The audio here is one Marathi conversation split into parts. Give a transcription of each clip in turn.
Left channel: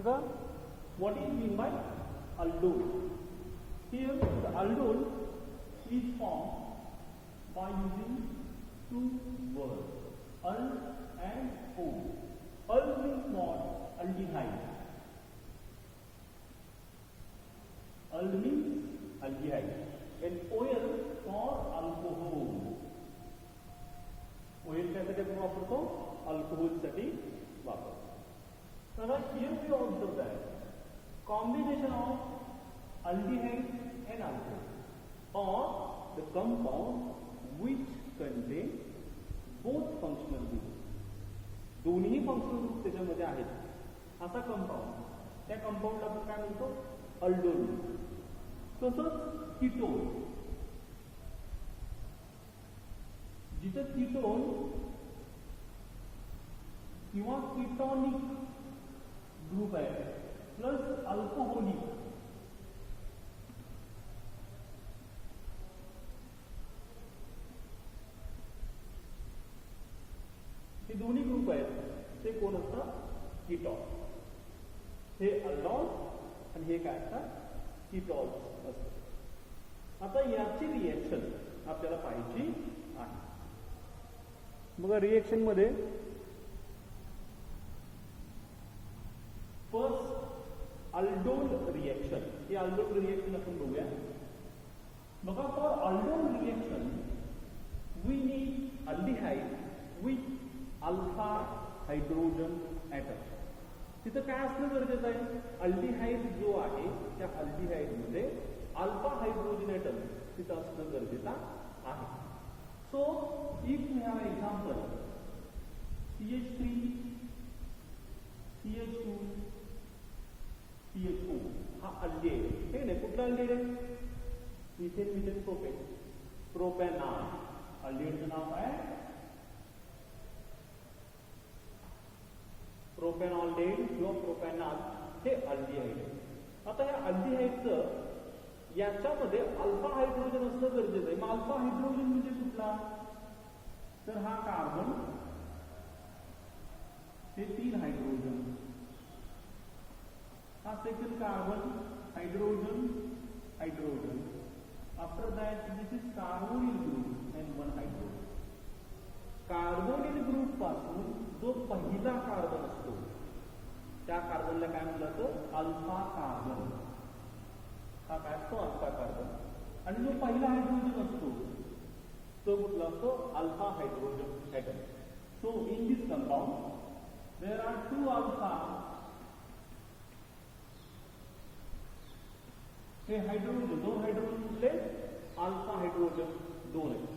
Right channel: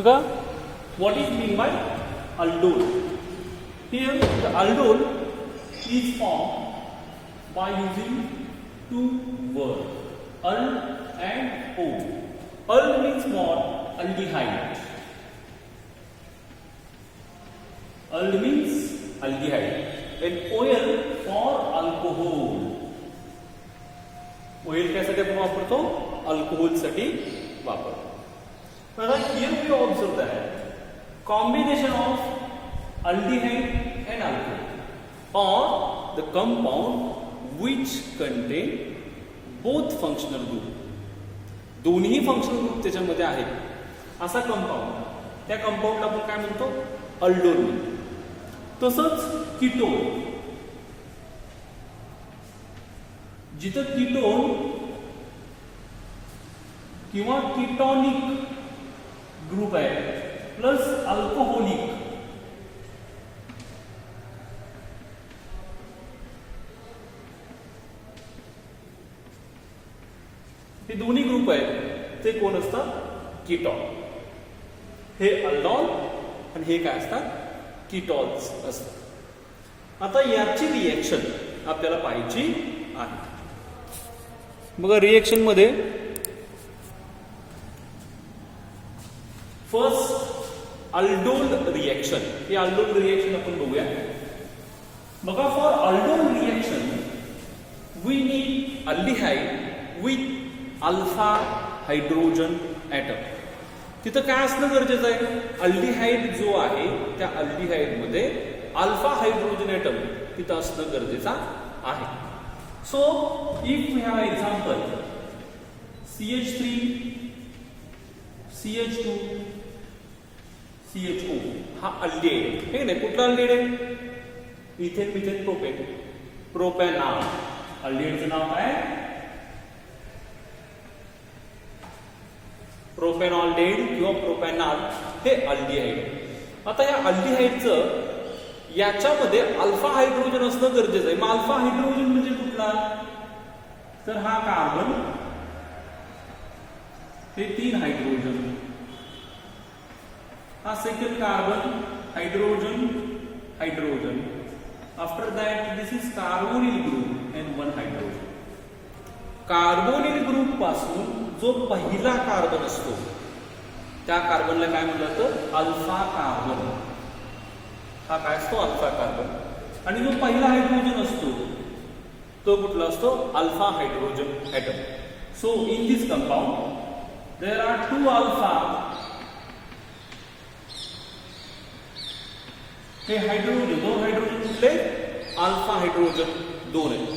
बघा, what is mean by aldol? Here the aldol is formed by using two words, ald and o. Ald means what? Aldehyde. Ald means aldehyde. And oil for alcohol. Oil कशासाठी आपण वापरतो? अल्कोहोल साठी वापरतो. Now here we observe that combination of aldehyde and alcohol or the compound which contain both functional group. दोन्ही फंक्शनल ग्रुप त्याच्यामध्ये आहेत असा कंपाऊंड, त्या कंपाऊंडला आपण काय म्हणतो? अल्डोल म्हणतो. तसंच कीटोन, जिथं कीटोन किंवा कीटॉनिक ग्रुप आहे प्लस अल्कोहोलिक, हे दोन्ही ग्रुप आहेत ते कोण असतात? कीटॉन. हे अल्डॉल आणि हे काय असतात? कीटॉन्स असतात. आता याची रिएक्शन आपल्याला पाहायची आहे. बघा, रिएक्शन मध्ये फर्स्ट अल्डोल रिएक्शन, हे अल्डोल रिएक्शन आपण बघूया. बघा, for aldol reaction we need aldehyde with alpha hydrogen atom. तिथं काय असणं गरजेचं आहे? अल्डिहाइड जो आहे त्या अल्डिहाइड मध्ये अल्फा हायड्रोजन ॲटम तिथं असणं गरजेचं आहे. So if we have example CH3 CH2 CHO, हा अल्डिहाइड आहे नाही? कुठला अल्डिहाइड आहे? Ethane methane propane, propanol. अल्डिहाइडचं नाव काय? प्रोपॅनॉल्डेहाइड किंवा प्रोपॅनॉल हे अल्डिहाइड. आता या अल्डिहाइडचं याच्यामध्ये अल्फा हायड्रोजन असणं गरजेचं आहे. मग अल्फा हायड्रोजन म्हणजे कुठला? तर हा कार्बन, हे 3 हायड्रोजन, हा second carbon, hydrogen hydrogen. After that this is carbonyl group and 1 hydrogen. Carbonyl group पासून जो पहिला कार्बन असतो त्या कार्बनला काय म्हणलं जातं? Alpha carbon. हा काय असतो? Alpha carbon. आणि जो पहिला हायड्रोजन असतो तो कुठला असतो? Alpha hydrogen atom. So in this compound there are 2 alpha, हे हायड्रोजन, 2 हायड्रोजन कुठले? अल्फा हायड्रोजन 2 आहेत.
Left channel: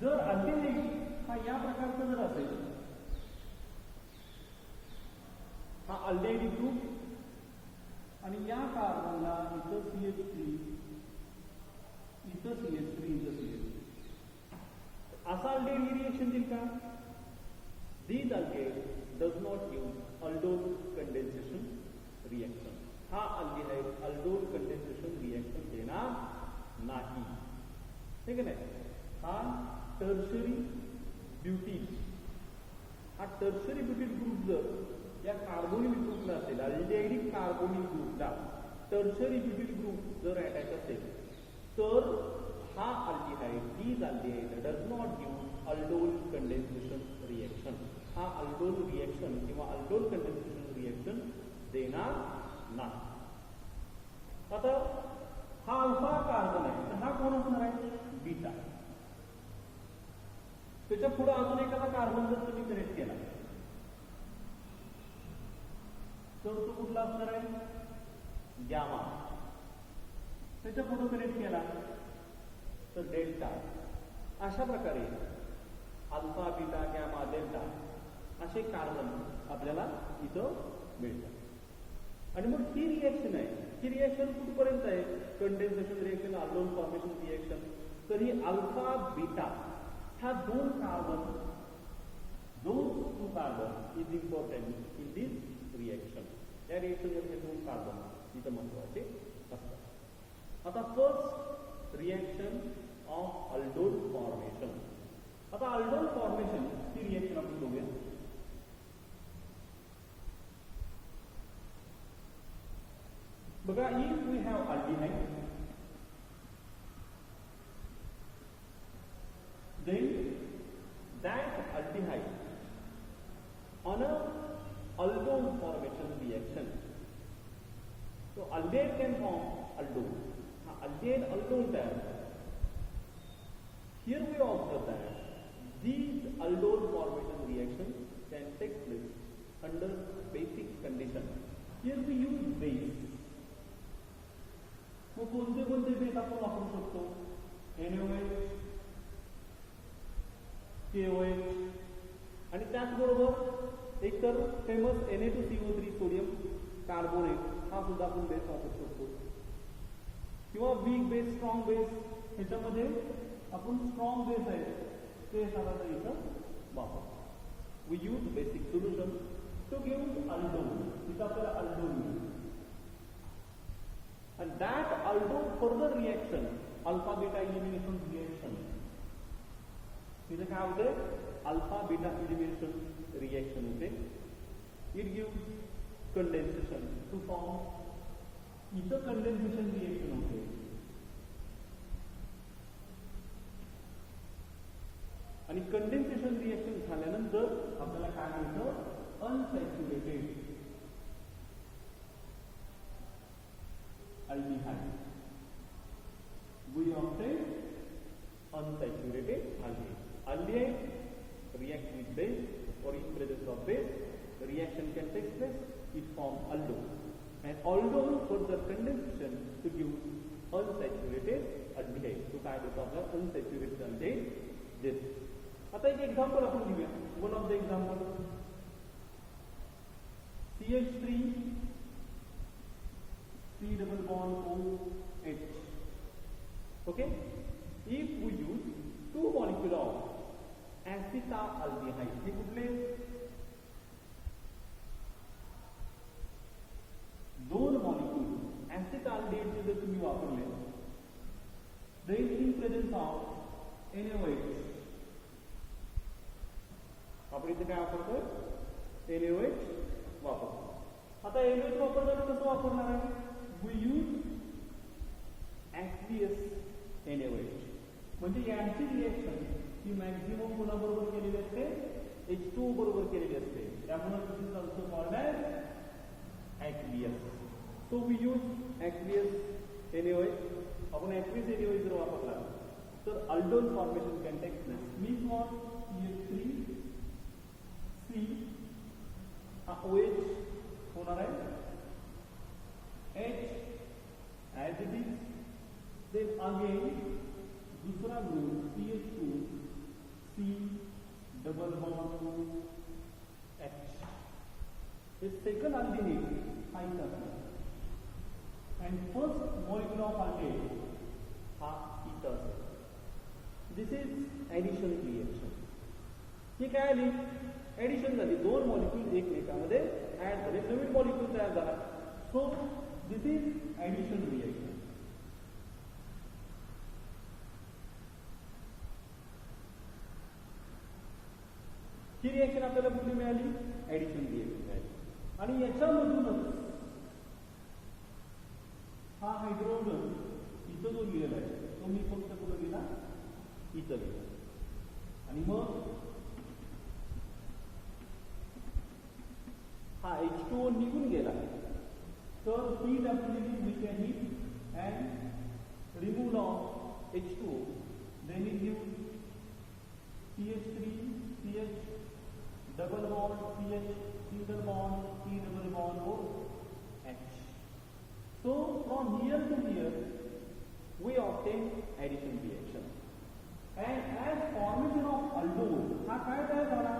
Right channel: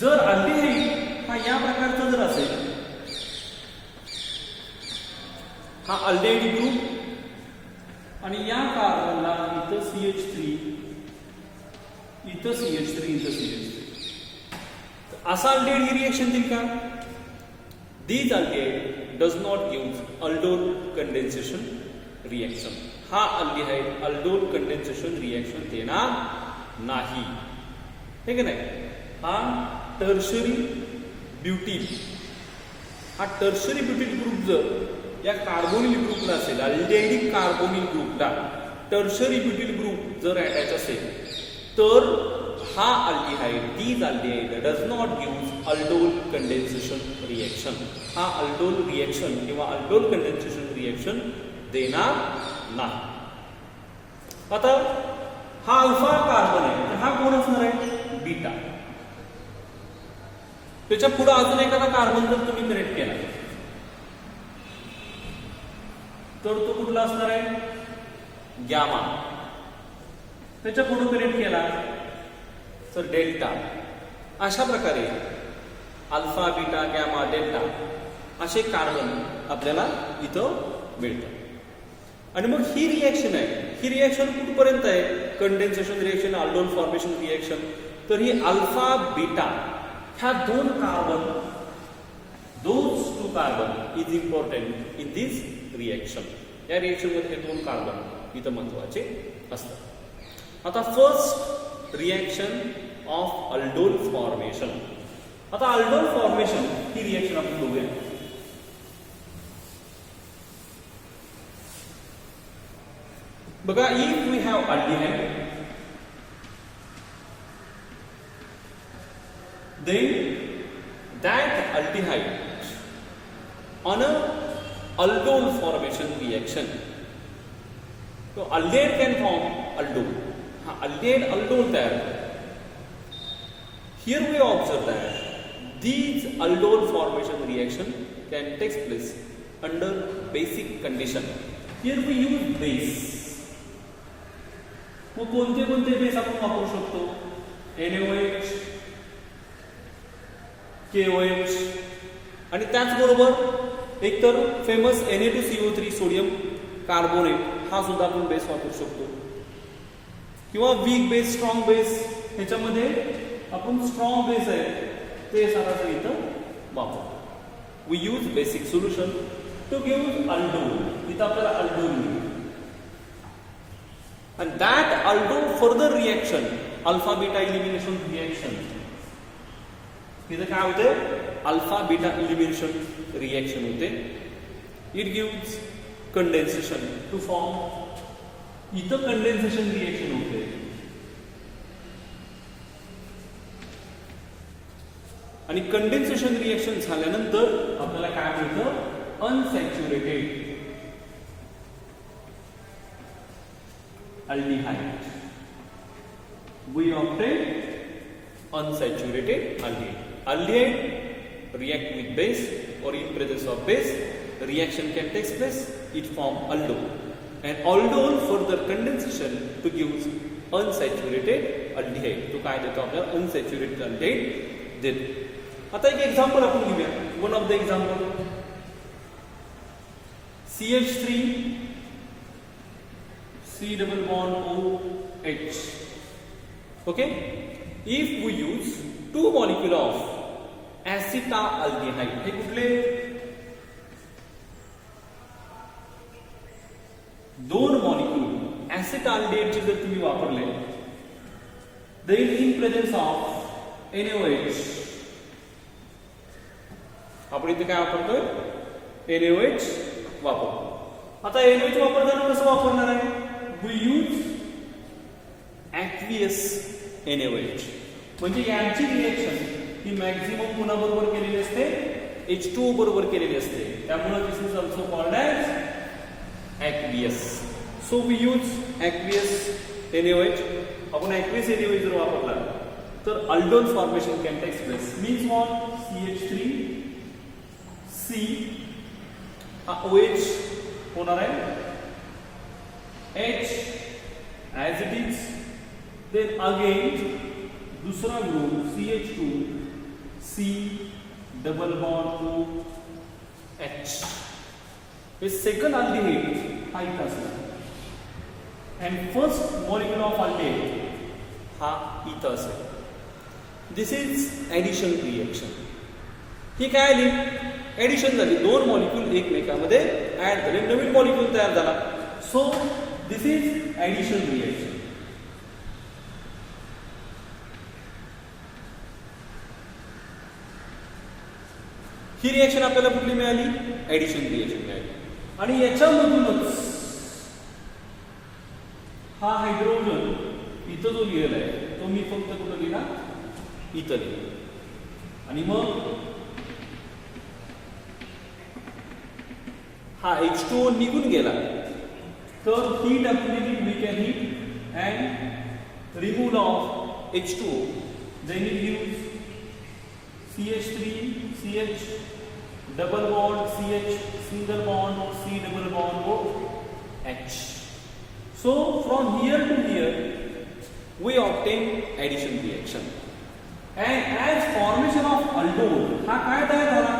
जर अल्डिहाइड हा या प्रकारचा जर असेल, हा अल्डिहाइड ग्रुप आणि या कार्बनला इथं CH3, इथं CH3, इथं CH3, असा अल्डिहाइड ही रिएक्शन देईल का? These aldehyde does not give aldol condensation reaction. हा अल्डिहाइड aldol condensation reaction देणार नाही, हे की नाही? हा टर्शरी ब्युटील, हा टर्शरी ब्युटील ग्रुप जर या कार्बोनिल ग्रुपला असेल, अल्डिहाइडिक कार्बोनिल ग्रुपला टर्शरी ब्युटील ग्रुप जर अटॅच असेल तर हा aldehyde, these aldehyde does not give aldol condensation reaction. हा अल्डोल रिएक्शन किंवा अल्डोल कंडेन्सेशन रिएक्शन देणार नाही. आता हा अल्फा कार्बन आहे, तर हा कोण असणार आहे? बीटा. त्याच्या पुढे अजून एखादा कार्बन जर तुम्ही कनेक्ट केला तर तो कुठला असणार आहे? गॅमा. त्याच्या पुढे कनेक्ट केला तर डेल्टा. अशा प्रकारे अल्फा, बीटा, गॅमा, डेल्टा असे कार्बन आपल्याला इथं मिळतात. आणि मग ही रिएक्शन आहे, ही रिएक्शन कुठपर्यंत आहे? Condensation reaction, aldol formation reaction. तर ही अल्फा, बीटा ह्या 2 carbon, those 2 carbon is important in this reaction. या रिएक्शन मध्ये 2 कार्बन इथं महत्वाचे असतात. आता first reaction of aldol formation. आता अल्डोल फॉर्मेशन ही रिएक्शन आपण बघूया. बघा, if we have aldehyde then that aldehyde on a aldol formation reaction, so aldehyde can form aldol. Aldehyde aldol तयार होतो. Here we observe that these aldol formation reaction can take place under basic condition. Here we use base. मग कोणते कोणते बेस आपण वापरू शकतो? NaOH, KOH आणि त्याचबरोबर एक तर फेमस Na2CO3 सोडियम कार्बोनेट हा सुद्धा आपण बेस वापरू शकतो, किंवा वीक बेस, स्ट्रॉंग बेस. ह्याच्यामध्ये आपण स्ट्रॉंग बेस आहे ते साराचं इथं वापरतो. We use basic solution to give aldol. इथं आपल्याला अल्डोल मिळेल. and that aldol further reaction, alpha beta elimination reaction, इथं काय होते? अल्फा बीटा एलिमिनेशन रिएक्शन होते. It gives condensation to form. इथं कंडेन्सेशन रिएक्शन होते. आणि कंडेन्सेशन रिएक्शन झाल्यानंतर आपल्याला काय मिळतं? Unsaturated aldehyde. We obtain unsaturated aldehyde. Aldehyde react with base, or in presence of base, reaction can take place. It form aldol, and aldol further condensation to give unsaturated aldehyde. तो काय देतो आपल्याला? unsaturated aldehyde देतो. आता एक एक्झाम्पल आपण घेऊया. One of the example, CH3 C double bond OH. Okay, if we use two molecule of acetaldehyde, हे कुठले? दोन मॉलिक्यूल acetaldehyde चे जर तुम्ही वापरले, then in presence of NaOH, आपण इथे काय वापरतोय? NaOH वापरतो. आता NaOH वापरताना कसं वापरणार आहे? We use aqueous NaOH. म्हणजे यांची रिएक्शन ही मॅक्झिमम कोणाबरोबर केलेली असते? H2O बरोबर केलेली असते. त्यामुळे this is also called as aqueous. So we use aqueous NaOH. आपण aqueous NaOH जर वापरला तर aldol formation can take place. Means what? CH3 C हा OH होणार आहे, H as it is, then again दूसरा group CH2 C double bond O H. हे सेकंड अल्डिहाइड हा इथं असणार, and first molecule of aldehyde हा इथं असेल. दिस इज ऍडिशन रिएक्शन. ही काय आली? ऍडिशन झाली. दोन मॉलिक्यूल एकमेकांमध्ये ऍड झाले, नवीन मॉलिक्यूल तयार झाला. So this is addition reaction. ही रिएक्शन आपल्याला कुठली मिळाली? ऍडिशन रिएक्शन मिळाली. आणि याच्यामधूनच हा हायड्रोजन इथं जो लिहिलेला आहे तो मी फक्त कुठं लिहिला? इथं लिहिला. आणि मग हा H2O निघून गेला तर हीट आपण दिली, we can heat and remove of H2O. Then it gives CH3 CH double bond CH single bond C double bond O H. So from here to here we obtain addition reaction, and as formation of aldol हा काय तयार झाला?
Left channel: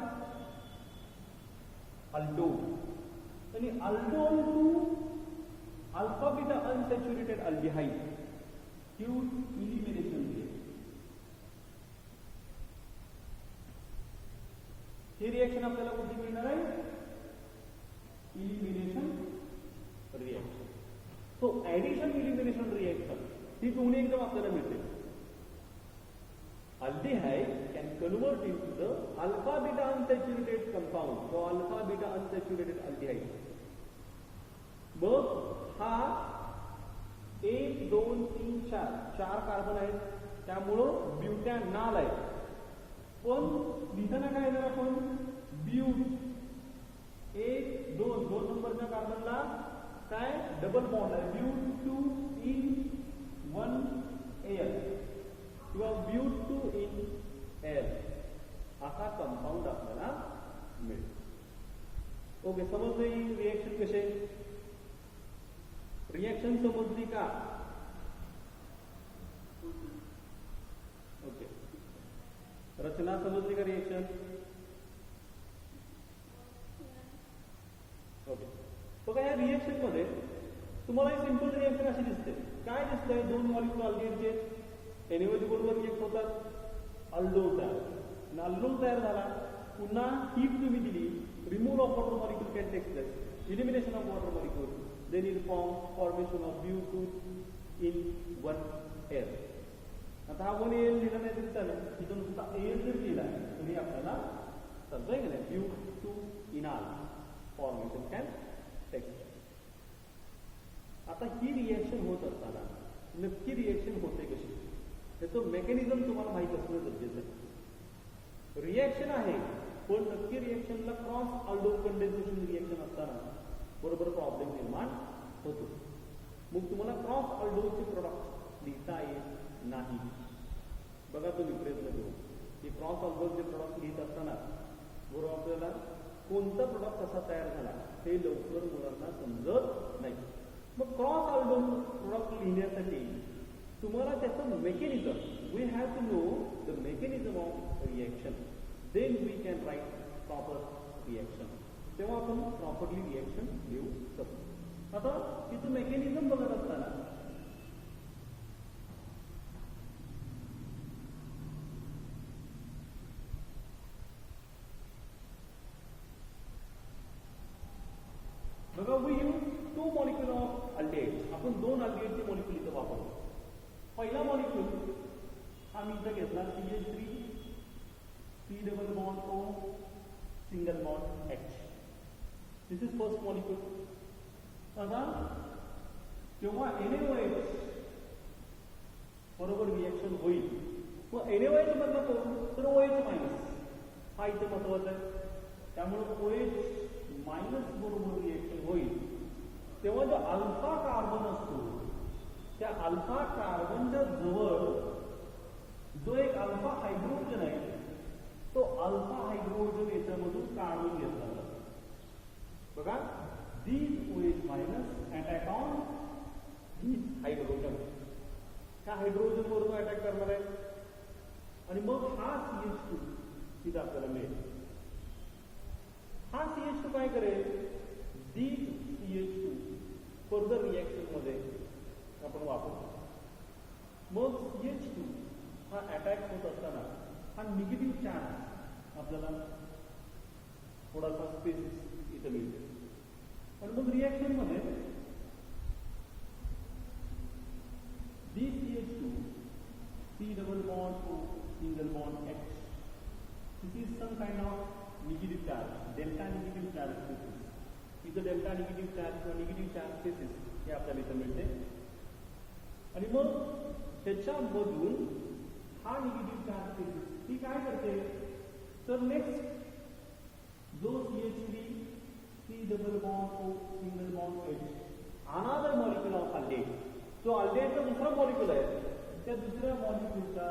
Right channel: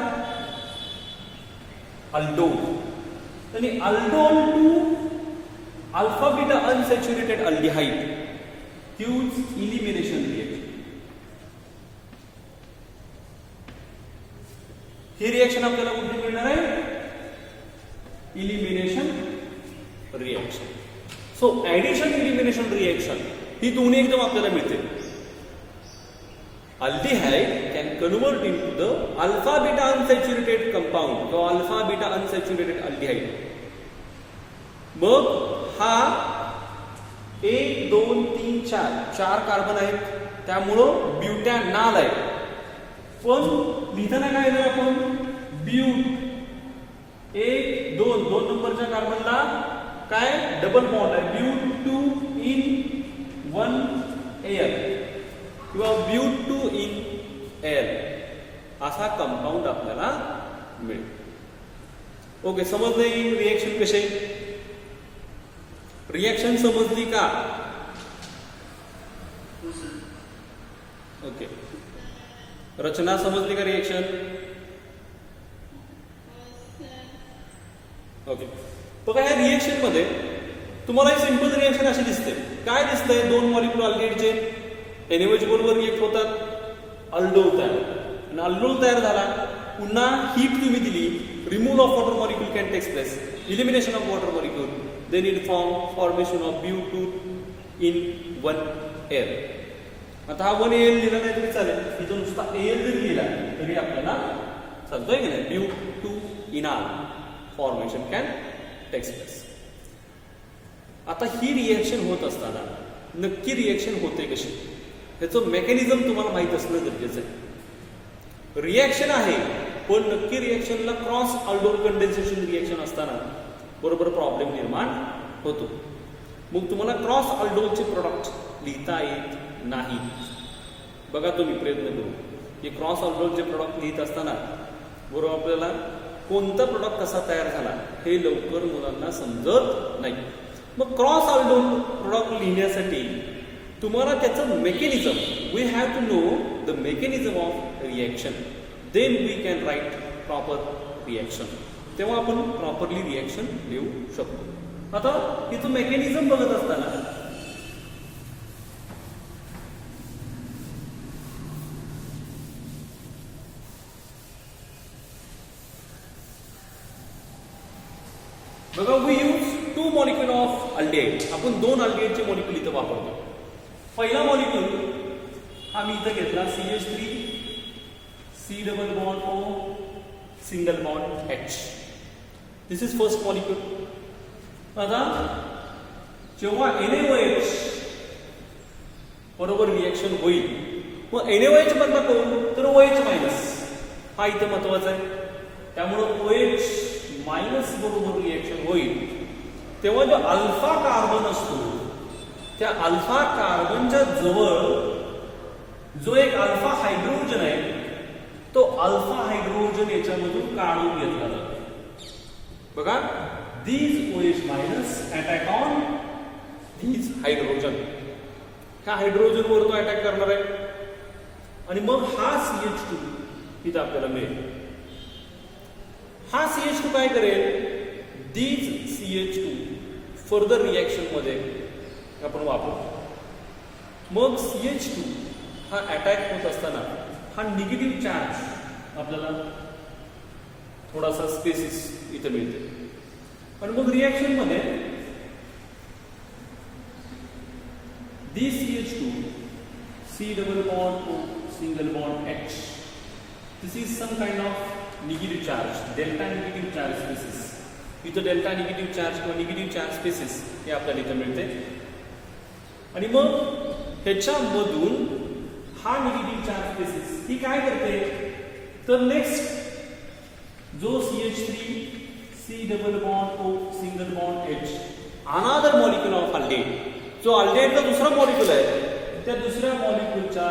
aldol. आणि aldol to alpha beta unsaturated aldehyde gives elimination reaction. ही रिएक्शन आपल्याला कुठे मिळणार आहे? Elimination reaction. So addition elimination reaction ही दोन्ही एकदम आपल्याला मिळते. Aldehyde can convert into the alpha beta unsaturated compound किंवा अल्फा बीटा अनसॅच्युरेटेड अल्डिहाइड. मग हा 1 2 3 4 4 कार्बन आहेत, त्यामुळं ब्युटॅनॉल आहे. पण लिहिताना काय लिहिलं आपण? ब्यूट 1 2 2 नंबरच्या कार्बनला काय डबल बॉन्ड आहे, ब्यूट 2 इन 1 एअर किंवा ब्यूट 2 इन एअर असा कंपाऊंड आपल्याला मिळेल. ओके, समजलं ही रिएक्शन कशी? रिएक्शन समजली का? ओके, रचना समजली का रिएक्शन? ओके, बघा ह्या रिएक्शन मध्ये तुम्हाला एक सिंपल रिएक्शन अशी दिसते. काय दिसतंय? दोन मॉलिक्यूल अल्डिहाइडचे NaOH बरोबर रिएक्ट होतात, अल्डोल तयार होतात. आणि अल्डोल तयार झाला, पुन्हा हीट तुम्ही दिली, removal of water molecule can takes place, elimination of water molecule, then it formation of Bute इन 1 एअर. आता हा 1 AL लिहिला नाही तरी चालेल, इथं नुसता AL जरी लिहिला तरी आपल्याला चालतोय की नाही? Bute इन आर फॉर्मेशन कॅन टेक्स प्लेस. आता ही रिएक्शन होत असताना नक्की रिएक्शन होते कशी, ह्याचं मेकॅनिझम तुम्हाला माहित असणं गरजेचं आहे. रिएक्शन आहे, पण नक्की रिएक्शनला क्रॉस अल्डोल कंडेन्सेशन रिएक्शन असताना बरोबर प्रॉब्लेम निर्माण होतो. मग तुम्हाला क्रॉस अल्डोलचे प्रोडक्ट लिहिता येत नाही. बघा तुम्ही प्रयत्न करू की क्रॉस अल्डोलचे प्रोडक्ट लिहित असताना बरोबर आपल्याला कोणता प्रोडक्ट कसा तयार झाला हे लवकर मुलांना समजत नाही. मग क्रॉस अल्डोल प्रोडक्ट लिहिण्यासाठी तुम्हाला त्याचं mechanism, we have to know the mechanism of reaction, then we can write proper reaction. तेव्हा आपण प्रॉपरली रिएक्शन लिहू शकतो. आता तिचं मेकॅनिझम बघत असताना बघा, we use 2 molecule of aldehyde. आपण 2 अल्डिहाइडचे मॉलिक्यूल इथं वापरतो. पहिला मॉलिक्यूल हा मी इथं घेतला, CH3 C double bond O single bond H. This is first molecule. आता जेव्हा NaOH बरोबर रिएक्शन होईल, मग NaOH बंद करू तर OH मायनस हा इथं महत्वाचा आहे. त्यामुळं OH मायनस बरोबर रिएक्शन होईल, तेव्हा जो अल्फा कार्बन असतो त्या अल्फा कार्बनच्या जवळ जो एक अल्फा हायड्रोजन आहे, तो अल्फा हायड्रोजन याच्यामधून काढून घेतला जातो. बघा, these OH minus attack on these hydrogen. ह्या हायड्रोजन वर तो अटॅक करणार आहे आणि मग हा CH2 इथं आपल्याला मिळेल. हा CH2 काय करेल? these CH2 फर्दर रिएक्शन मध्ये आपण वापरतो. मग CH2 हा अटॅक होत असताना हा निगेटिव्ह चार्ज आपल्याला थोडासा स्पेसिस इथं मिळते आणि मग रिएक्शन मध्ये this CH2 C double bond O single bond H, this is some kind of negative charge, delta negative charge species. इथं डेल्टा निगेटिव्ह चार्ज किंवा निगेटिव्ह चार्ज स्पेसिस हे आपल्याला इथं मिळते. आणि मग ह्याच्यामधून हा निगेटिव्ह चार्ज स्पेसिस ही काय करते तर नेक्स्ट जो CH3 C double bond O single bond H, another molecule of aldehyde, जो अल्डिहाइडचा दुसरा मॉलिक्यूल आहे त्या दुसऱ्या मॉलिक्यूलच्या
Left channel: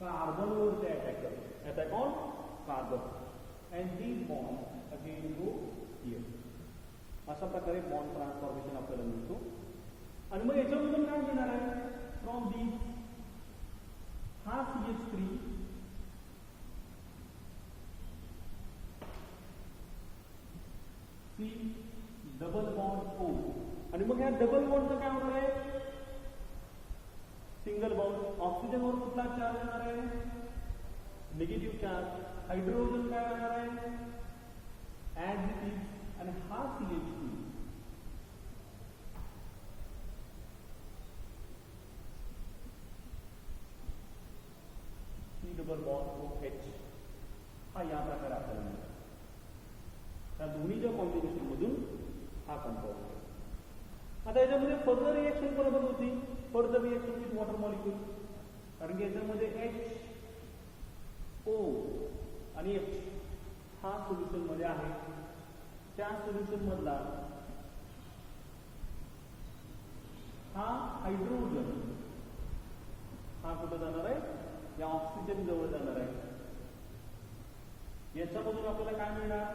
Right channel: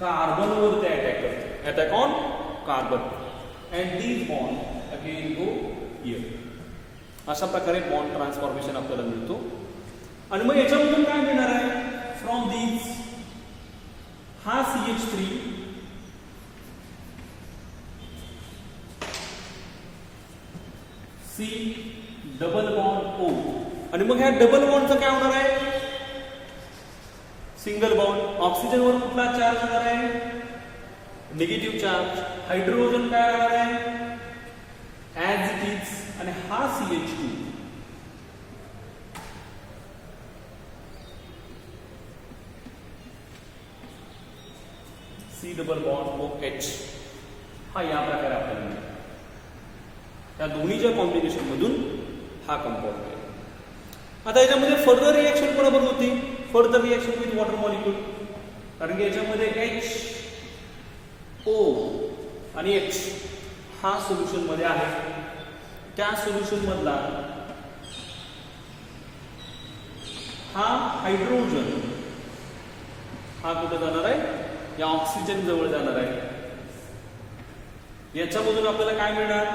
कार्बनवर ते अटॅक करते, attack on carbon, and these bond again go here. अशा प्रकारे बॉन्ड ट्रान्सफॉर्मेशन आपल्याला मिळतो. आणि मग याच्यामधून काय मिळणार आहे? फ्रॉम दीज हा CH3 C double bond O, आणि मग ह्या डबल बॉन्डचं काय होणार आहे? Single bond. ऑक्सिजनवर कुठला चार्ज होणार आहे? Negative charge. हायड्रोजन काय राहणार आहे? As it is. आणि हा CH2 C double bond OH हा या प्रकारे आपल्याला मिळेल. या दोन्हीच्या कॉम्बिनेशन मधून हा कंपाऊंड आहे. आता याच्यामध्ये फर्दर रिएक्शन कोणाबरोबर होती? Further reaction with water molecule, कारण की याच्यामध्ये HO आणि H हा सोल्युशन मध्ये आहे. त्या सोल्युशन मधला हा हायड्रोजन हा कुठे जाणार आहे? या ऑक्सिजन जवळ जाणार आहे. याच्यामधून आपल्याला काय मिळणार?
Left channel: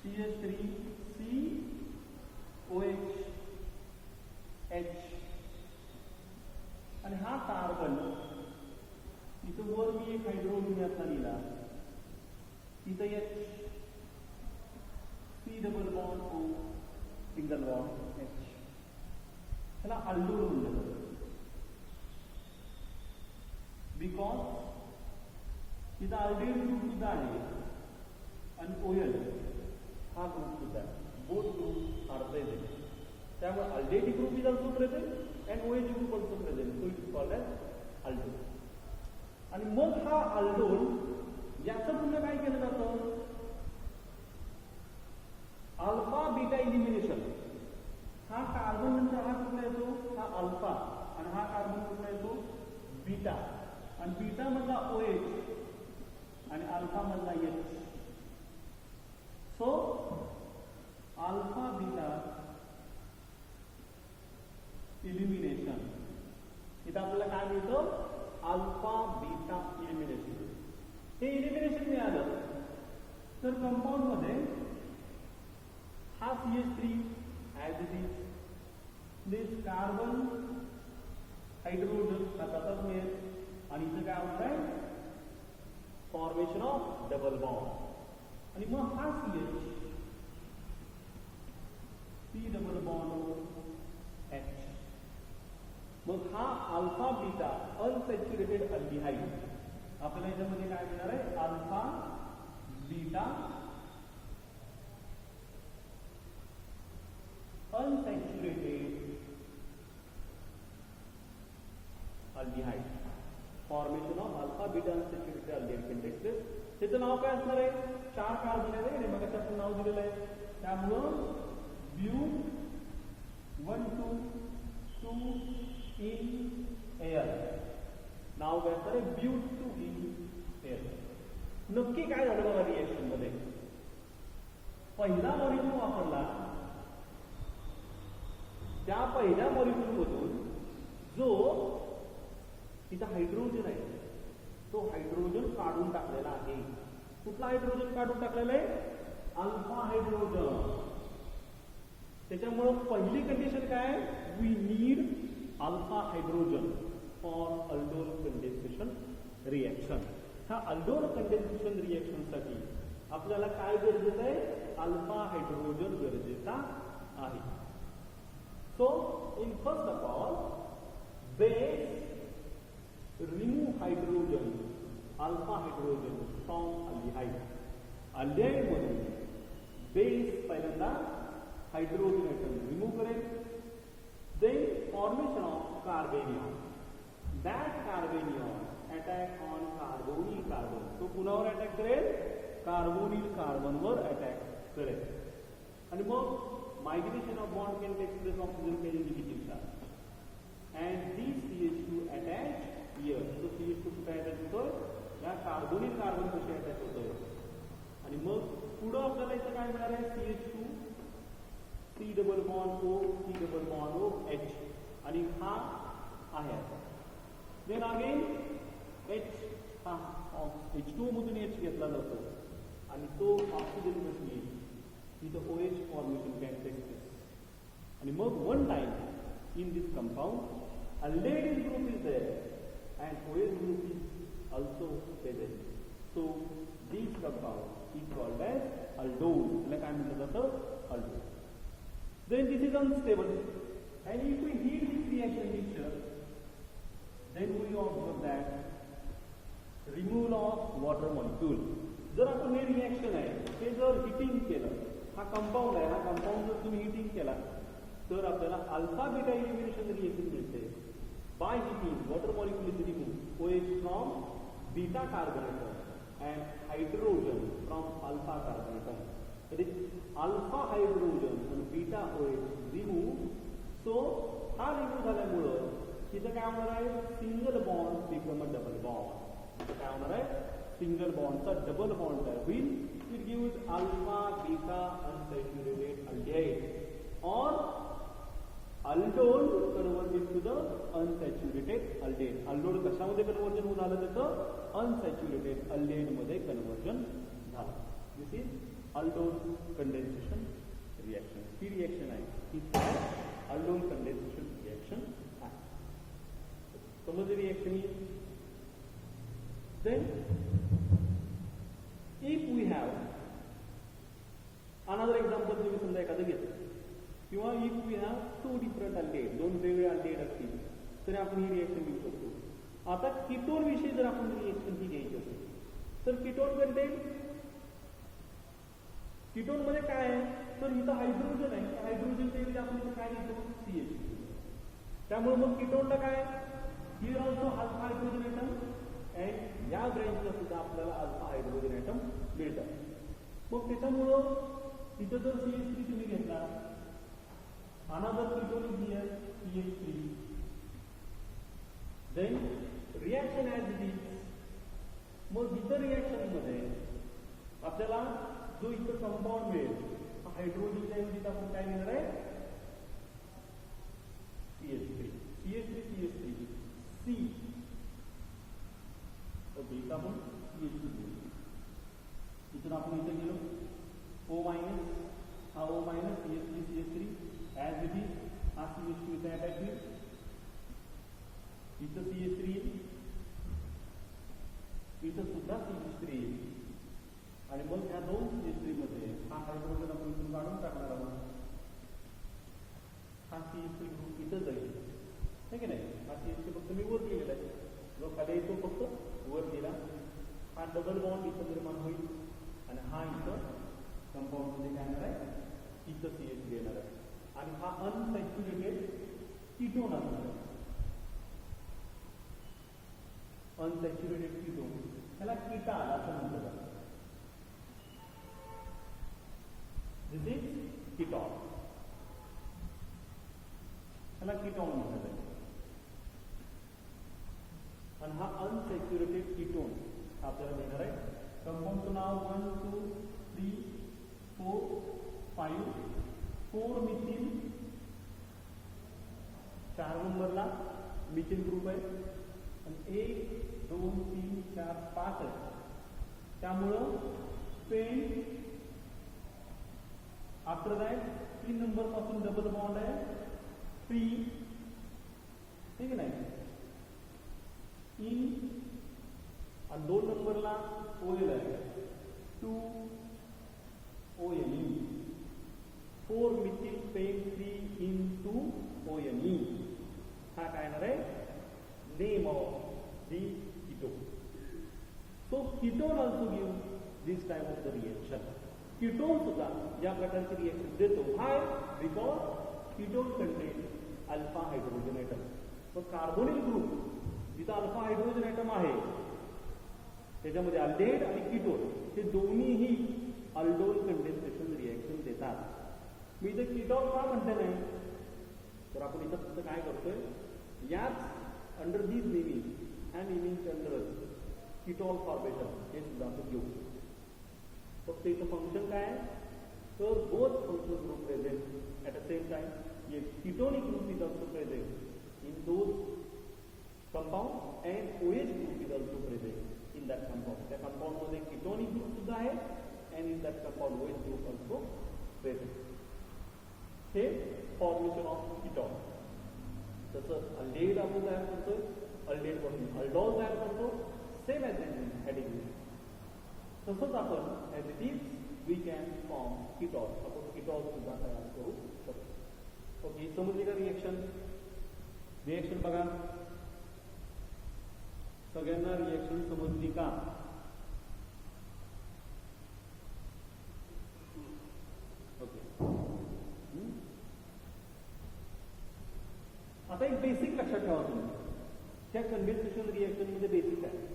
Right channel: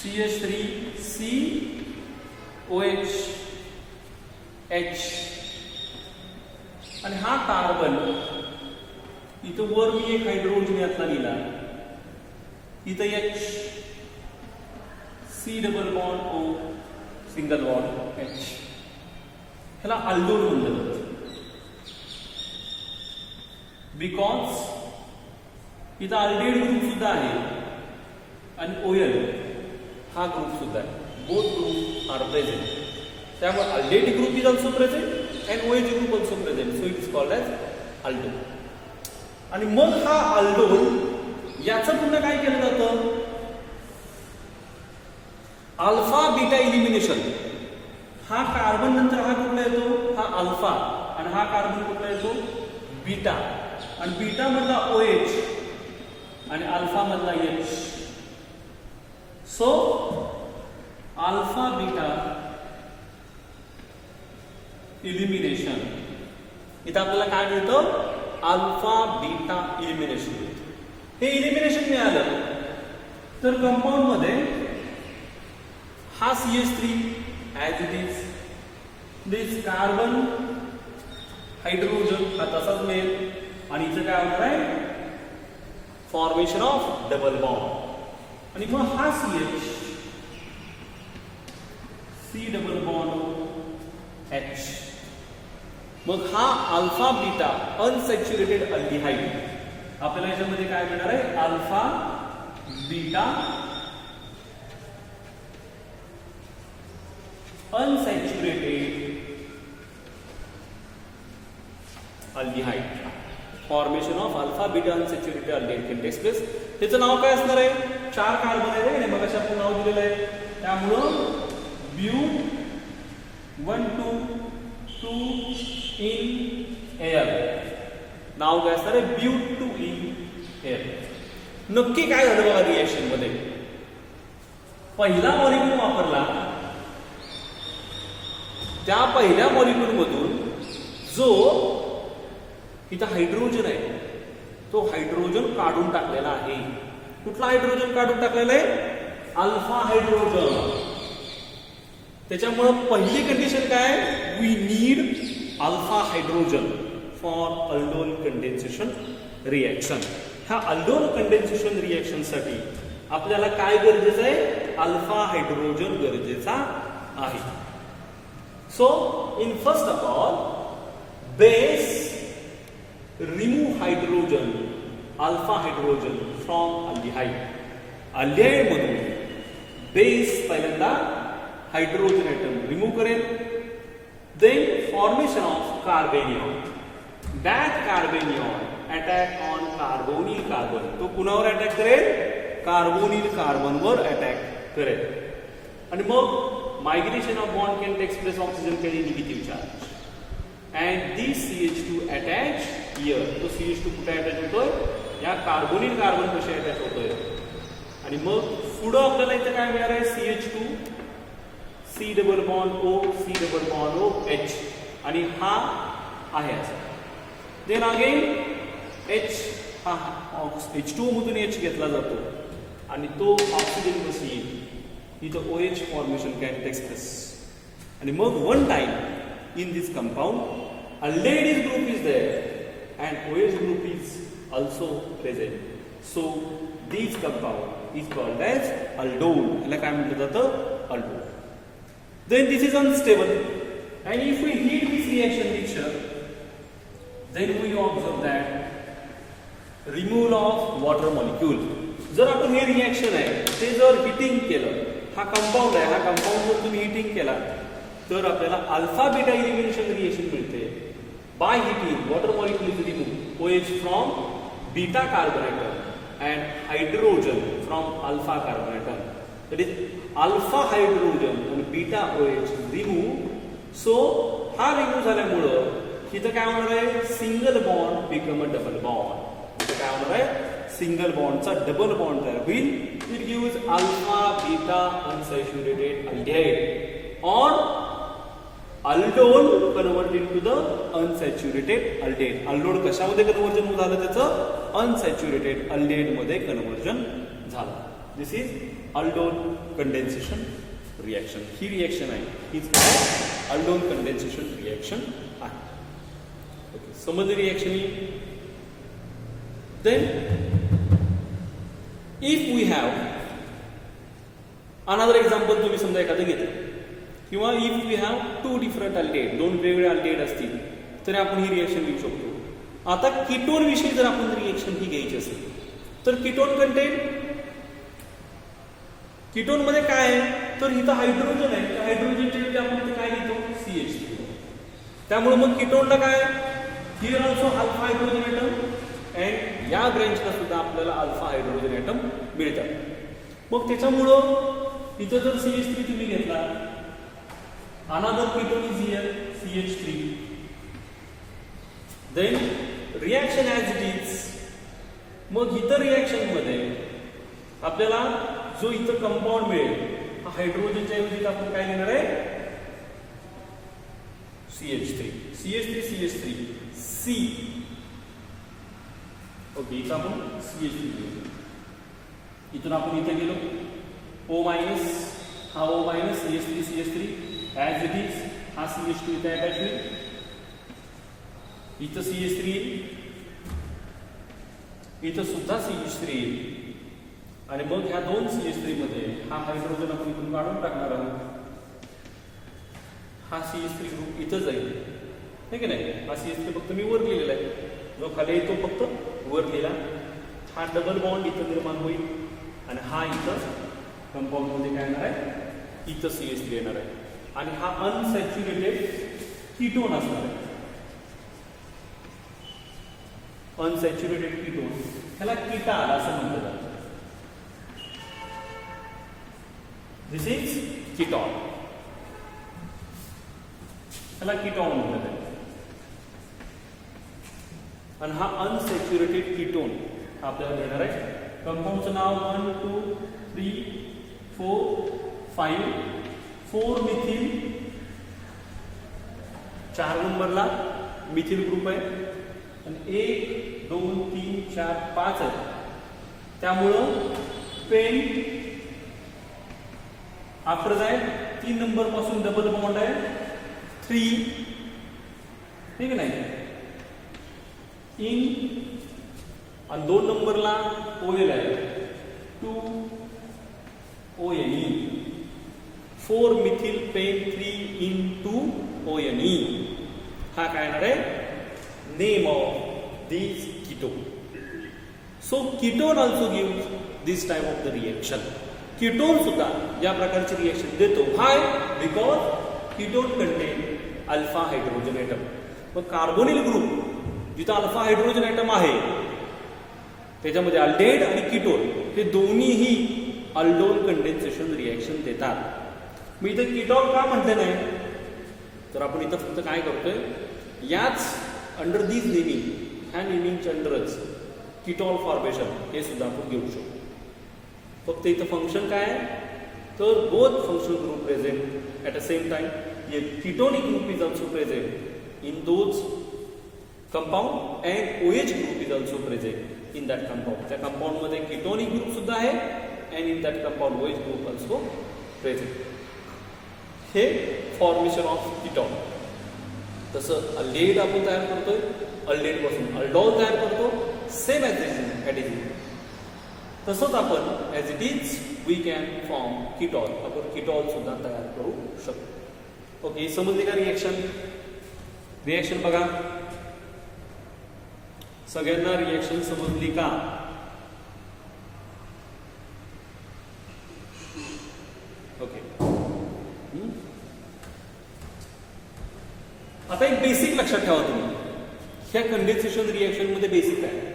CH3COH H आणि हा कार्बन इथं वर मी एक हायड्रोजन यातला लिहिला, इथं H, C double bond O single bond H, ह्याला अल्डोल म्हणलं जातं. बिकॉज इथं अल्डेड ग्रुप सुद्धा आहे आणि OL हा ग्रुप सुद्धा आहे. Both group are present. त्यामुळे aldehyde group is also present and OH group also present, so it is called as aldol. आणि मग हा अल्डोल याचं पुन्हा काय केलं जातं? Alpha beta elimination. हा कार्बन नंतर हा कुठला येतो? हा अल्फा, आणि हा कार्बन कुठला येतो? बीटा, आणि बीटा मधला OH आणि अल्फा मधला H. So alpha beta elimination. इथं आपल्याला काय मिळतं? Alpha beta elimination. हे इलिमिनेशन मिळालं तर कंपाऊंड मध्ये हा CH3 as it is, this carbon hydrogen हा तसाच मिळेल, आणि इथं काय होणार आहे? Formation of double bond. आणि मग हा CH, C double bond H, मग हा अल्फा बीटा अनसॅच्युरेटेड अल्डिहाइड. आपल्याला याच्यामध्ये काय मिळणार आहे? Alpha beta unsaturated aldehyde. Formation of alpha beta unsaturated aldehyde can take place. त्याचं नाव काय असणार आहे? 4 कार्बन आहे आणि मग आपण नाव दिलेलं आहे, त्यामुळं But12 in air. नाव काय असणार आहे? But2 in air. नक्की काय झालं बघा रिएक्शन मध्ये? पहिला मॉलिक्यूल वापरला, त्या पहिल्या मॉलिक्यूल मधून जो इथं हायड्रोजन आहे तो हायड्रोजन काढून टाकलेला आहे. कुठला हायड्रोजन काढून टाकलेला आहे? Alpha hydrogen. त्याच्यामुळे पहिली कंडिशन काय? We need alpha hydrogen for aldol condensation reaction. ह्या अल्डोल कंडेन्सेशन रिएक्शन साठी आपल्याला काय गरजेचं आहे? अल्फा हायड्रोजन गरजेचा आहे. So in first of all base remove hydrogen, alpha hydrogen from aldehyde. Aldehyde मधून बेस पहिल्यांदा हायड्रोजन एटम रिमूव्ह करेल. Then formation of carbanion. That carbanion attack on carbonyl carbon. तो कुणावर अटॅक करेल? कार्बोनिल कार्बनवर अटॅक करेल. आणि मग migration of bond can take place, oxygen carry negative charge and this CH2 attach here. तो CH2 कुठे अटॅच होतोय? या कार्बोनिल कार्बन कसे अटॅच होतोय. आणि मग पुढं आपल्याला इथे काय मिळणार आहे? CH2 C double bond O, C double bond O H, आणि हा आहे असा. देन अगेन H, हा H2 मधून H घेतला जातो आणि तो ऑक्सिजन कशी येईल? इथं OH formation can take place. आणि मग one time in this compound aldehyde group is there and OH group is also present. So this compound is called as aldol. याला काय म्हटलं जातं? aldol. Then this is unstable, and if we heat this reaction mixture, then we observe that removal of water molecule. जर आपण हे रिएक्शन आहे ते जर हिटिंग केलं, हा कंपाऊंड आहे, हा कंपाऊंड जर तुम्ही हिटिंग केला तर आपल्याला अल्फा बीटा इलिमिनेशन रिएक्शन मिळते. By heating water molecule is remove OH from beta carbon atom and hydrogen from alpha carbon atom. That is alpha hydrogen आणि बीटा OH रिमूव्ह. सो हा रिमूव्ह झाल्यामुळं इथं काय होणार आहे, single bond become a double bond. इथं काय होणार आहे, सिंगल बॉन्डचा डबल बॉन्ड तयार होईल. It gives alpha beta unsaturated aldehyde और aldol convert into the unsaturated aldehyde. Aldol कशामध्ये कन्वर्जन झालं, त्याचं अनसॅच्युरेटेड अल्डेड मध्ये कन्वर्जन झालं. This is aldol condensation reaction. ही रिएक्शन आहे, हीच काय अल्डोल कंडेन्सेशन रिएक्शन आहे. ओके, समजली रिएक्शन ही. Then if we have another example, तुम्ही समजा एखादं घेतलं, किंवा if we have two different aldehyde, दोन वेगवेगळे अल्डेहाइड असतील, तर आपण ही रिएक्शन घेऊ शकतो. आता कीटोन विषयी जर आपण रिएक्शन ही घ्यायची असेल, तर कीटोन कंटेंट, कीटोन मध्ये काय आहे, तर इथं हायड्रोजन आहे. हायड्रोजनच्या ऐवजी आपण इथे काय घेतो, CH3. त्यामुळे मग कीटोनला काय, here also alpha hydrogen atom, and या ब्रँचला सुद्धा आपल्याला अल्फा हायड्रोजन एटम मिळतात. मग त्याच्यामुळं इथं जर CH3 तुम्ही घेतला, another ketone is here CH3, then reaction as it is. मग इतर रिएक्शन मध्ये आपल्याला जो इथं कंपाऊंड मिळेल, हा हायड्रोजनच्या ऐवजी आपण काय घेणार आहे, CH3, CH3, C. ओके, इथं आपण CH3 घेऊ. इथून आपण इथे गेलो, O मायनस, हा O minus, CH3 as it is, हा CH2 इथे अटॅच होईल. इथं CH3 येईल, इथं सुद्धा CH3 येईल. आणि मग ह्या दोन CH3 मध्ये हा हायड्रोजन आपण इथून काढून टाकणार आहोत. हा CH3 ग्रुप इथं जाईल, हे की नाही. हा CH3 फक्त मी वर लिहिलेला आहे, जो खाली येतो फक्त वर लिहिला. हा डबल बॉन्ड इथं निर्माण होईल, आणि हा इथं कंपाऊंड मध्ये काय येणार आहे, इथं CH3 येणार आहे. आणि हा अनसॅच्युरेटेड कीटोन असणार आहे. अनसॅच्युरेटेड कीटोन, ह्याला कीटाल असं म्हटलं जातं. दिस इज कीटॉन, ह्याला कीटॉन म्हटलं जातं. आणि हा अनसॅच्युरेटेड कीटोन आपल्याला देणार आहे. कंपाऊंडचं नाव 1 2 3 4 5 4 मिथिल, 4 नंबरला मिथिल ग्रुप आहे. आणि 1 2 3 4 5 आहे. त्यामुळं पेंट आफ्टर दॅट 3 नंबर पासून डबल बॉन्ड आहे 3, ठीक नाही. इन आणि 2 नंबरला OL आहे 2 ONE, 4 methyl pent 3 en 2 ONE. हा काय येणार आहे, name of this ketone. So ketone also gives this type of the reaction. Ketone सुद्धा या प्रकारची रिएक्शन देतो. हाय, because ketone contain alpha hydrogen atom. मग कार्बोनिल ग्रुप जिथं अल्फा हायड्रोजन एटम आहे, त्याच्यामध्ये अल्डेहाइड आणि कीटोन हे दोन्हीही अल्डोल कंडेन्सेशन रिएक्शन देतात. मी इथं कीटॉन का म्हटलं नाही, तर आपण इथं फक्त काय करतोय, याच अंडर दिस नेमिंग, ह्या नेमिंगच्या अंडरच कीटॉल फॉर्मेशन हे सुद्धा आपण घेऊ शकतो. फक्त इथं फंक्शन काय आहे, तर both functional group present at the same time. ये ketonic group is also present in those compound, and OH group is also present in that compound. त्या कंपाऊंड मध्ये कीटोनिक ग्रुप सुद्धा आहे, and in that compound OH group also present. हे फॉर्मेशन ऑफ कीटॉन. तसं अल्डेहाइड आपण तयार करतोय, अल्डेहाइड पासून अल्डॉल तयार करतो, सेम ॲज इट इज. तसंच आपण as it is we can form ketol, आपण कीटॉल सुद्धा तयार करू शकतो. ओके, समजली का रिएक्शन? रिएक्शन बघा, सगळ्यांना रिएक्शन समजली का? ओके. आता एक बेसिक लक्षात ठेवा तुम्ही, ह्या कंडेन्सेशन रिएक्शन मध्ये बेसिक आहे.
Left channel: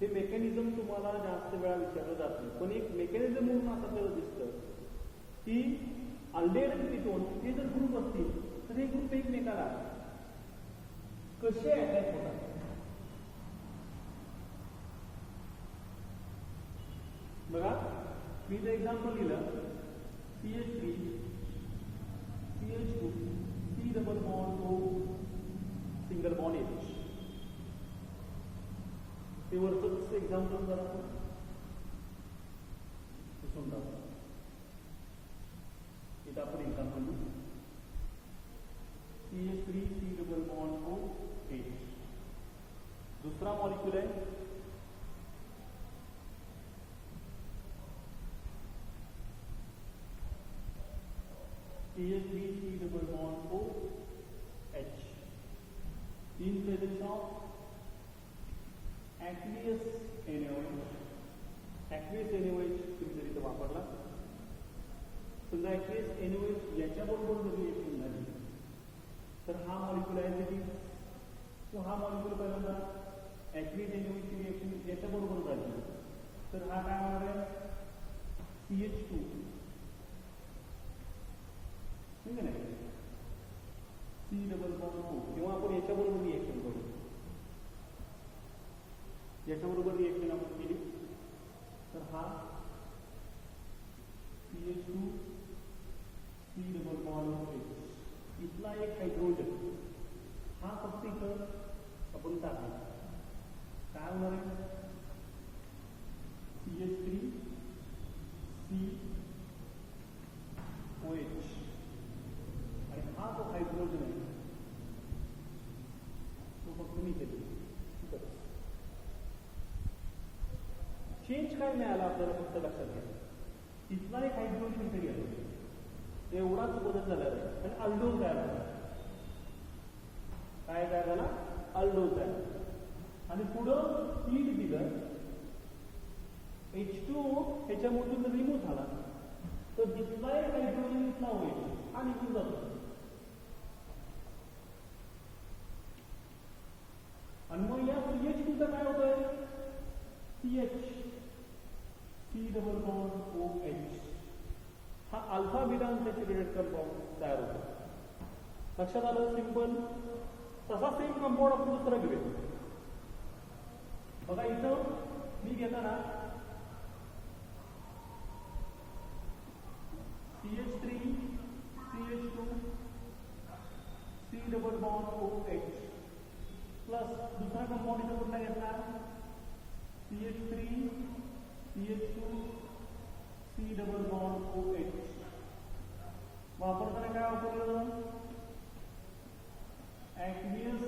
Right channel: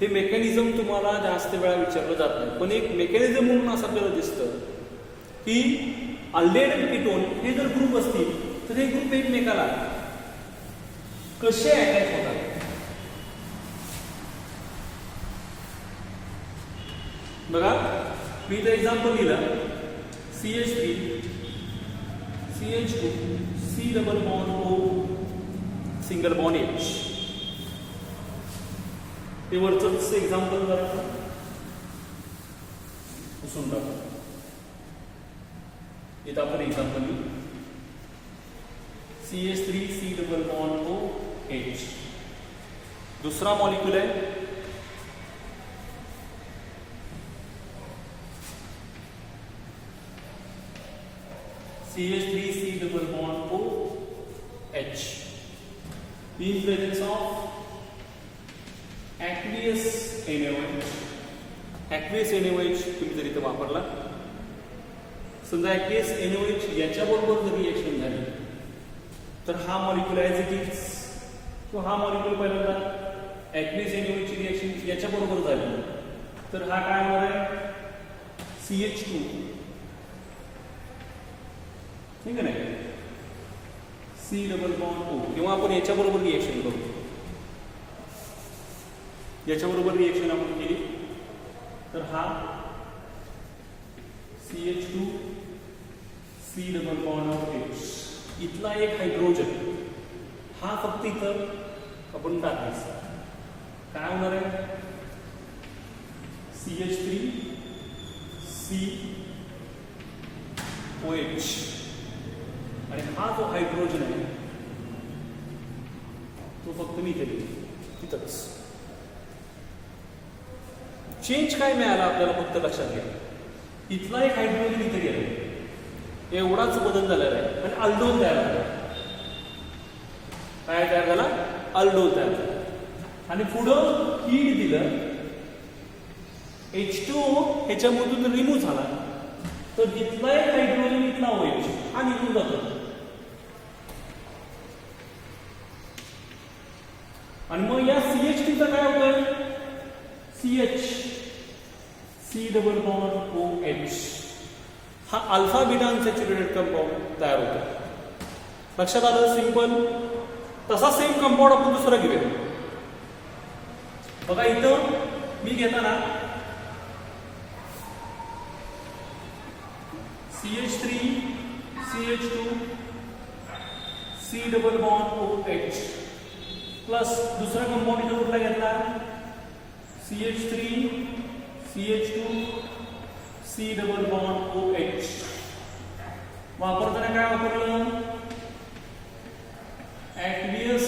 हे मेकॅनिझम तुम्हाला जास्त वेळा विचारलं जात नाही, पण एक मेकॅनिझम म्हणून असं आपल्याला दिसतं की अल्डेड कीटोन हे जर ग्रुप असतील तर हे ग्रुप एकमेकाला कसे अटॅच होतात बघा. मी इथं एक्झाम्पल दिलं CH3 CH2 C double bond O single bond H. ते वरच एक्झाम्पल जरा पुसून टाकू. इथं आपण एक्झाम्पल लिहू CH3 C double bond O H. दुसरा मॉलिक्यूल आहे CH3 C double bond O H in presence of aqueous NaOH. aqueous NaOH तुम्ही जर इथे वापरला समजा aqueous NaOH याच्याबरोबर जर रिएक्शन झाली तर हा मॉलिक्यूल ॲज इट इज किंवा हा मॉलिक्यूल पहिल्यांदा aqueous NaOH ची रिएक्शन याच्याबरोबर झाली तर हा काय होणार आहे CH2 ठीक आहे ना C डबल बॉन्ड O किंवा आपण याच्याबरोबर रिएक्शन करू. याच्याबरोबर रिएक्शन आपण केली तर हा CH2 C double bond H. इथला एक हायड्रोजन हा फक्त इथं आपण टाकायचा काय होणार आहे CH3 C OH. आणि हा जो हायड्रोजन आहे तो फक्त मी इथे तिथंच. चेंज काय मिळाला आपल्याला फक्त लक्षात घ्या. इथला एक हायड्रोजन इथे गेला एवढाच बदल झालेला आहे आणि अल्डोल तयार झाला. काय तयार झाला अल्डोल तयार झाला आणि पुढं हीट दिलं H2O ह्याच्यामधून रिमूव्ह झाला तर इथला एक हायड्रोजन इथला OH हा निघून जातो आणि मग या CH2 चा काय होतंय CH C double bond OH. हा अल्फा बीटा अनसॅच्युरेटेड कंपाऊंड तयार होतो. लक्षात आलं सिंपल. तसा सेम कंपाऊंड आपण दुसरा घेऊया. बघा इथं मी घेताना CH3 CH2 C double bond OH plus दुसरा कंपाऊंड इथं कुठला घेतला CH3 CH2 C double bond OH. वापरताना काय वापरलं aqueous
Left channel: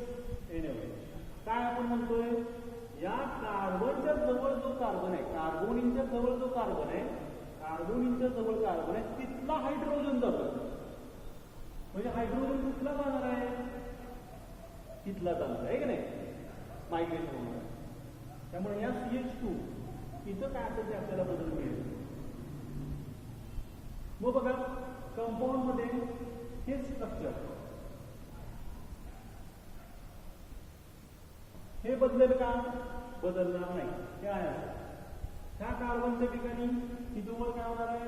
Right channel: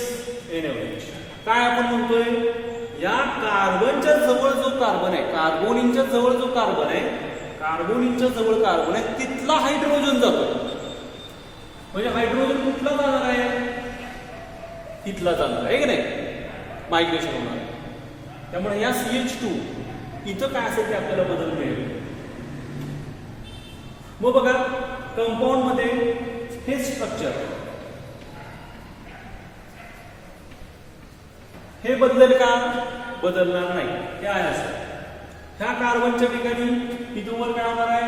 NaOH. काय आपण म्हणतोय या कार्बनच्या जवळ जो कार्बन आहे कार्बोनिनच्या जवळ जो कार्बन आहे कार्बोनिनच्या जवळ कार्बन आहे तिथला हायड्रोजन जातो. म्हणजे हायड्रोजन कुठला जाणार आहे तिथला जाणार आहे की नाही मायग्रेशन होणार आहे. त्यामुळे या CH2 इथं काय असेल ते आपल्याला बदल मिळेल. मग बघा कंपाऊंड मध्ये हे स्ट्रक्चर हे बदलेल का बदलणार नाही. हे आहे असं ह्या कार्बनच्या ठिकाणी इथून वर काय होणार आहे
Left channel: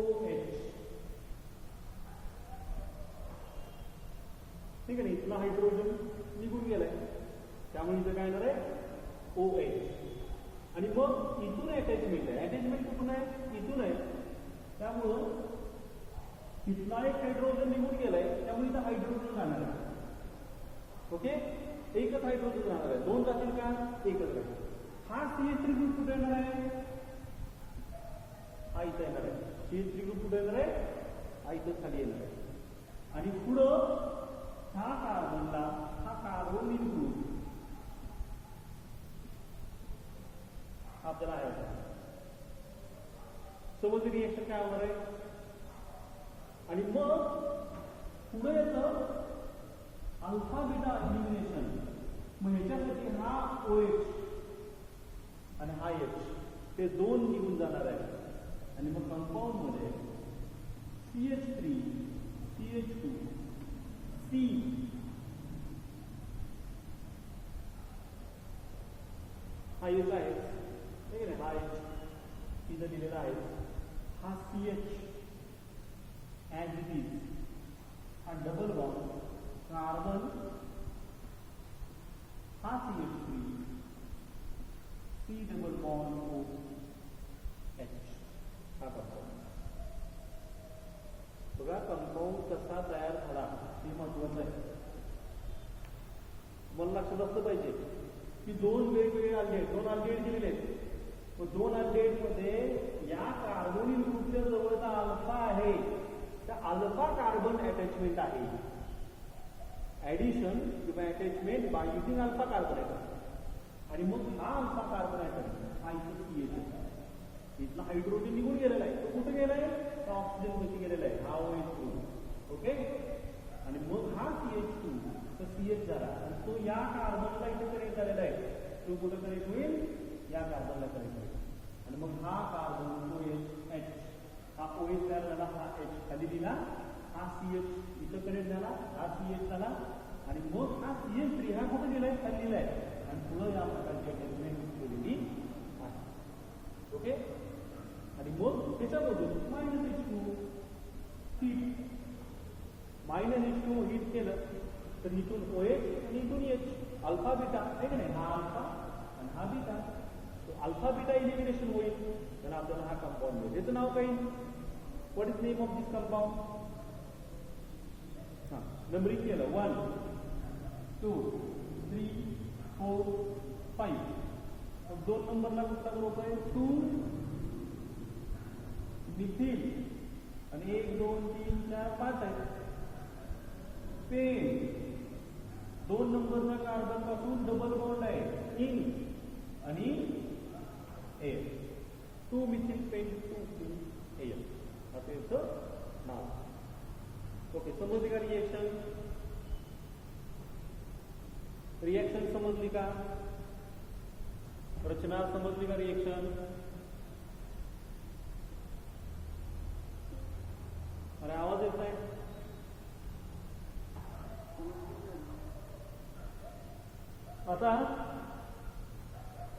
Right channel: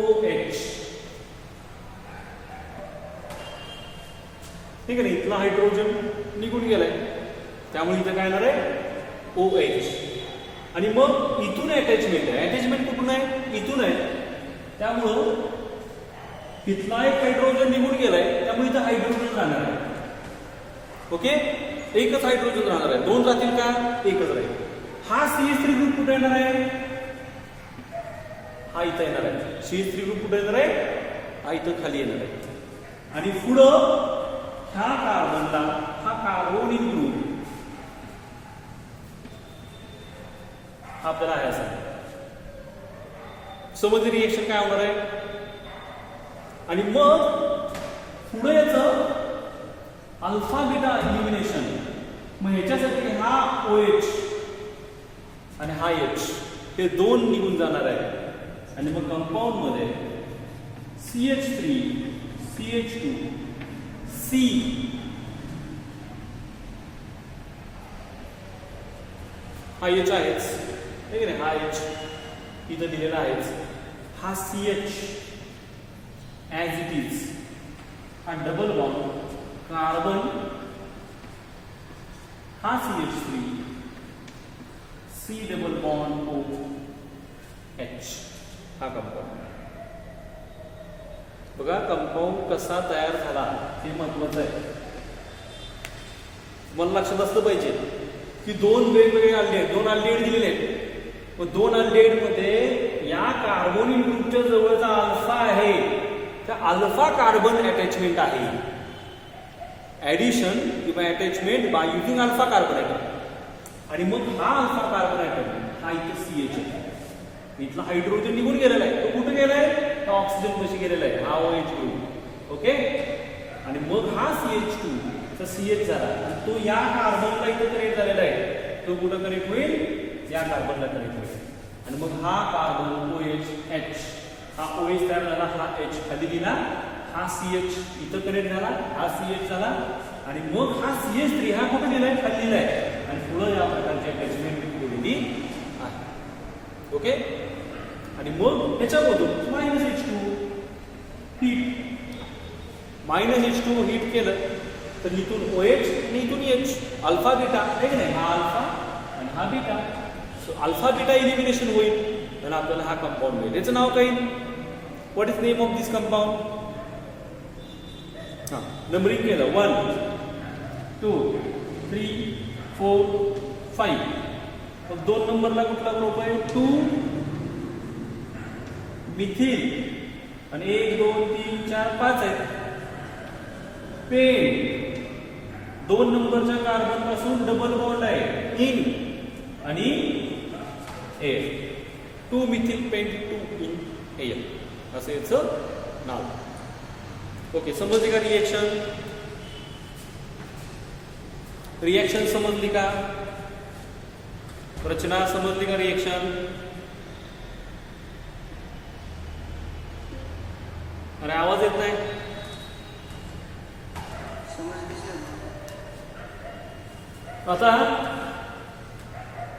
OH. ठीक आहे ना इथला हायड्रोजन निघून गेलाय त्यामुळे इथं काय येणार आहे OH. आणि मग इथून अटॅचमेंट आहे. अटॅचमेंट कुठून आहे इथून आहे त्यामुळं इथला एक हायड्रोजन निघून गेलाय त्यामुळे इथं हायड्रोजन राहणार आहे. ओके एकच हायड्रोजन राहणार आहे. दोन राहतील का एकच राहील. हा CH3 ग्रुप कुठे येणार आहे हा इथं येणार आहे. CH3 ग्रुप कुठे येणार आहे हा इथं खाली येणार आहे. आणि पुढं ह्या कार्बनला हा कार्बोनिल ग्रुप आपल्याला आहे असा समजली रिएक्शन काय होणार आहे. आणि मग पुढे याचं अल्फा बीटा इलिमिनेशन. मग ह्याच्यासाठी हा OH आणि हा H हे दोन निघून जाणार आहे. आणि मग कंपाऊंड मध्ये CH3 CH2 C हा H आहेच ठीक आहे. हा H इथं दिलेला आहेच. हा CH ॲज इट इज हा डबल बॉन्ड कार्बन हा CH3 C double bond OH हा कंपाऊंड. बघा कंपाऊंड कसा तयार झाला हे महत्वाचं आहे. मला लक्षात असलं पाहिजे की दोन वेगवेगळे अल्डेहाइड, दोन अल्डेहाइड दिलेले आहेत. मग दोन अल्डेहाइड मध्ये या कार्बोनिल ग्रुपच्या जवळचा अल्फा आहे तर अल्फा कार्बन अटॅचमेंट आहे. ऍडिशन किंवा attachment by using alpha carbon atom. आणि मग हा अल्फा कार्बन ॲटम हा इथे CH आहे. इथला हायड्रोजन निघून गेलेला आहे. तो कुठे गेलाय? तो ऑक्सिजन कशी गेलेला आहे, हा OH ग्रुप. ओके. आणि मग हा CH2 तर CH झाला आणि तो या कार्बनला इथे कनेक्ट झालेला आहे. तो कुठं कनेक्ट होईल? या कार्बनला कनेक्ट होईल. आणि मग हा कार्बन OH हा OH तयार झाला, हा H खाली दिला, हा CH इथं कनेक्ट झाला, हा CH झाला आणि मग हा CH3 हा कुठे दिलाय? खाली दिलाय आणि पुढे या प्रकारची अटॅचमेंट केलेली आहे. ओके. आणि मग त्याच्यामधून -H2 हीट, -H2 हीट केलं तर इथून OH आणि इथून H, अल्फा बीटा आहे की नाही? हा अल्फा आणि हा beta. So alpha beta elimination होईल आणि आपल्याला हा कंपाऊंड मिळेल. याचं नाव काय? What is name of this compound? हां, नंबरिंग केलं 1 2 3 4 5. मग 2 नंबरला कुठला ग्रुप आहे? 2 मिथिल आणि 1 2 3 4 5 आहेत. पेन 2 नंबरच्या कार्बन पासून डबल बॉन्ड आहे इन आणि एअर. 2 मिथिल पेंट 2 इन एअर असं याचं नाव. ओके, समजली का रिएक्शन? रिएक्शन समजली का? रचना समजली का? रिएक्शन. अरे आवाज येत नाही. आता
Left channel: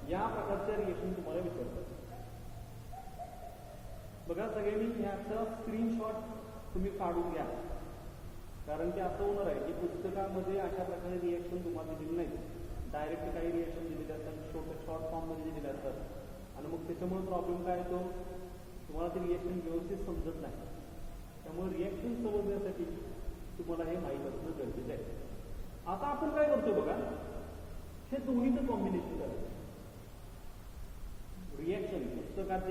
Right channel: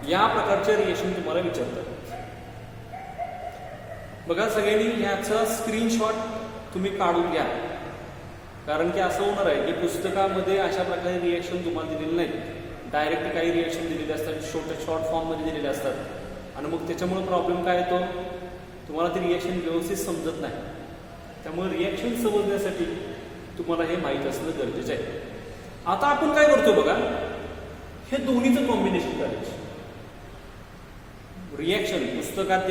या प्रकारचे रिएक्शन तुम्हाला विचारतात. बघा सगळ्यांनी याचा स्क्रीनशॉट तुम्ही काढून घ्या. कारण की असं होणार आहे की पुस्तकामध्ये अशा प्रकारे रिएक्शन तुम्हाला दिलेले नाहीत. डायरेक्ट काही रिएक्शन दिलेले असतात, शॉर्ट फॉर्ममध्ये दिलेले असतात आणि मग त्याच्यामुळे प्रॉब्लेम काय येतो? तुम्हाला ती रिएक्शन व्यवस्थित समजत नाही. त्यामुळे रिएक्शन समजण्यासाठी तुम्हाला हे माहीत असणं गरजेचं आहे. आता आपण काय करतो बघा, हे दोन्हीचं कॉम्बिनेशन करायचं. रिएक्शन पुस्तकात